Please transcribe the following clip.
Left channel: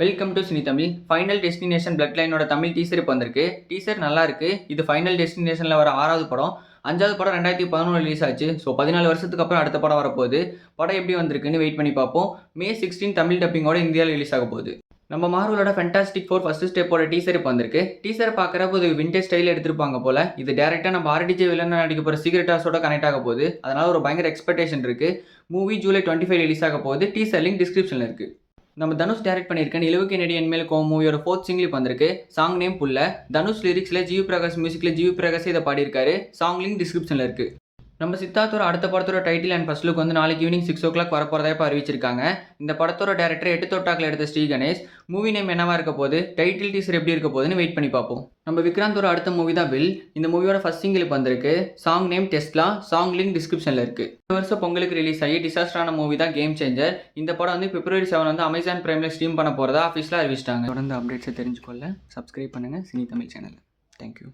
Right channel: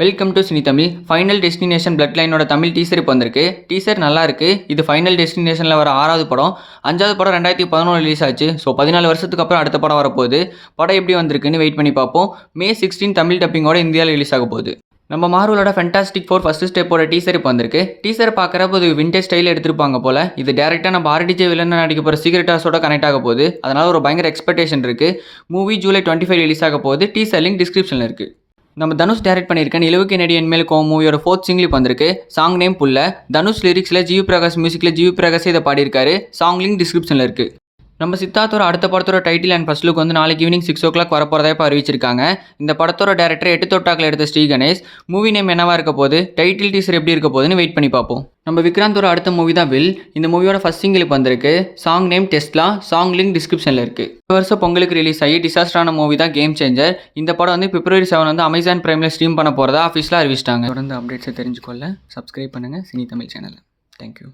Welcome to cine Tamil. Final destination blood லைனோட Tamil teaser இப்போ வந்திருக்கு. டீசர் நல்லா இருக்கு. இது ஃபைனல் டெஸ்டினேஷனில் வர 6வது படம். 5வது படம் 2011 ரிலீஸ் ஆச்சு. ஸோ 14 வருஷத்துக்கு அப்புறம் அடுத்த படம் வரப்போகுது. படம் எப்படி வந்திருக்குன்னு வெயிட் பண்ணி பார்ப்போம். May 16 தமிழ் டப்பிங்கோட இந்தியாவில் ரிலீஸ் ஆக போகுது. நம்ம மார்வலோட ஃபென்டாஸ்டிக் ஃபோர் ஃபர்ஸ்ட் ஸ்டெப்போட டீசர் இப்போ வந்திருக்கு. டீசர் பார்க்குறப்போ இது விண்டேஜ் ஸ்டைலில் எடுத்திருப்பாங்க போல. இது டேரெக்டாக நம்ம ஆர்டிஜே வில்லன் நடிக்க போகிற சீக்ரெட் ஹார்ஸோட கனெக்ட் ஆக போகுது. அதனால் ஒரு பயங்கர எக்ஸ்பெக்டேஷன் இருக்குது. மூவி ஜூலை 25 ரிலீஸ் ஆக போகுது. டீசர் லிங்க் டிஸ்கிரிப்ஷனில் இருக்குது. நம்ம தனுஷ் டைரக்ட் பண்ணியிருக்க நிலவுக்கு நடி என்மேல் கோவம் மூவியோட 4th சிங்கிள் இப்போ வந்திருக்கு. சாங் நேம் புல்ல. தனுஷ் லிரிக்ஸில் ஜிவி பிரகாஷ் மியூசிக்கில் ஜிவி பிரகாஷ் இதை பாடியிருக்காரு. சாங் லிங்க் டிஸ்கிரிப்ஷனில் இருக்குது. நம்ம சித்தார்த்தோட அடுத்த படத்தோட டைட்டில் அண்ட் ஃபர்ஸ்ட் லுக் வந்து நாளைக்கு ஈவினிங் 6 o'clock வரப்போறதா இப்போ அறிவிச்சிருக்காங்க. இந்த படத்தோட டேரக்டர் 8 தொட்டாக்கில் எடுத்த ஸ்ரீ கணேஷ். மூவி நேம் என்னவா இருக்க போகுது, டைட்டில் டீசர் எப்படி இருக்க போகுதுன்னு வெயிட் பண்ணி பார்ப்போம். நம்ம விக்ராந்தோட அடுத்த மூவி தான் வில். இந்த மூவியோட ஃபர்ஸ்ட் சிங்கிள் இப்போ வந்திருக்கு. Song name Tesla. Song link டிஸ்கிரிப்ஷனில் இருக்குது. இந்த வருஷம் பொங்கலுக்கு ரிலீஸ் ஆகி டிசாஸ்டரான மூவி தான் கேம் சேஞ்சர். இந்த படம் வந்து February 7 வந்து அமேசான் பிரைமில் ஸ்ட்ரீம் பண்ண போகிறதா ஆஃபீஸில் அறிவிச்சிட்டாங்க. தொடர்ந்து அப்டேட்ஸை தெரிஞ்சுக்கொள்ள சப்ஸ்கிரைப் பண்ணுங்கள் சினி தமிழ் சேனலை. தேங்க்யூ.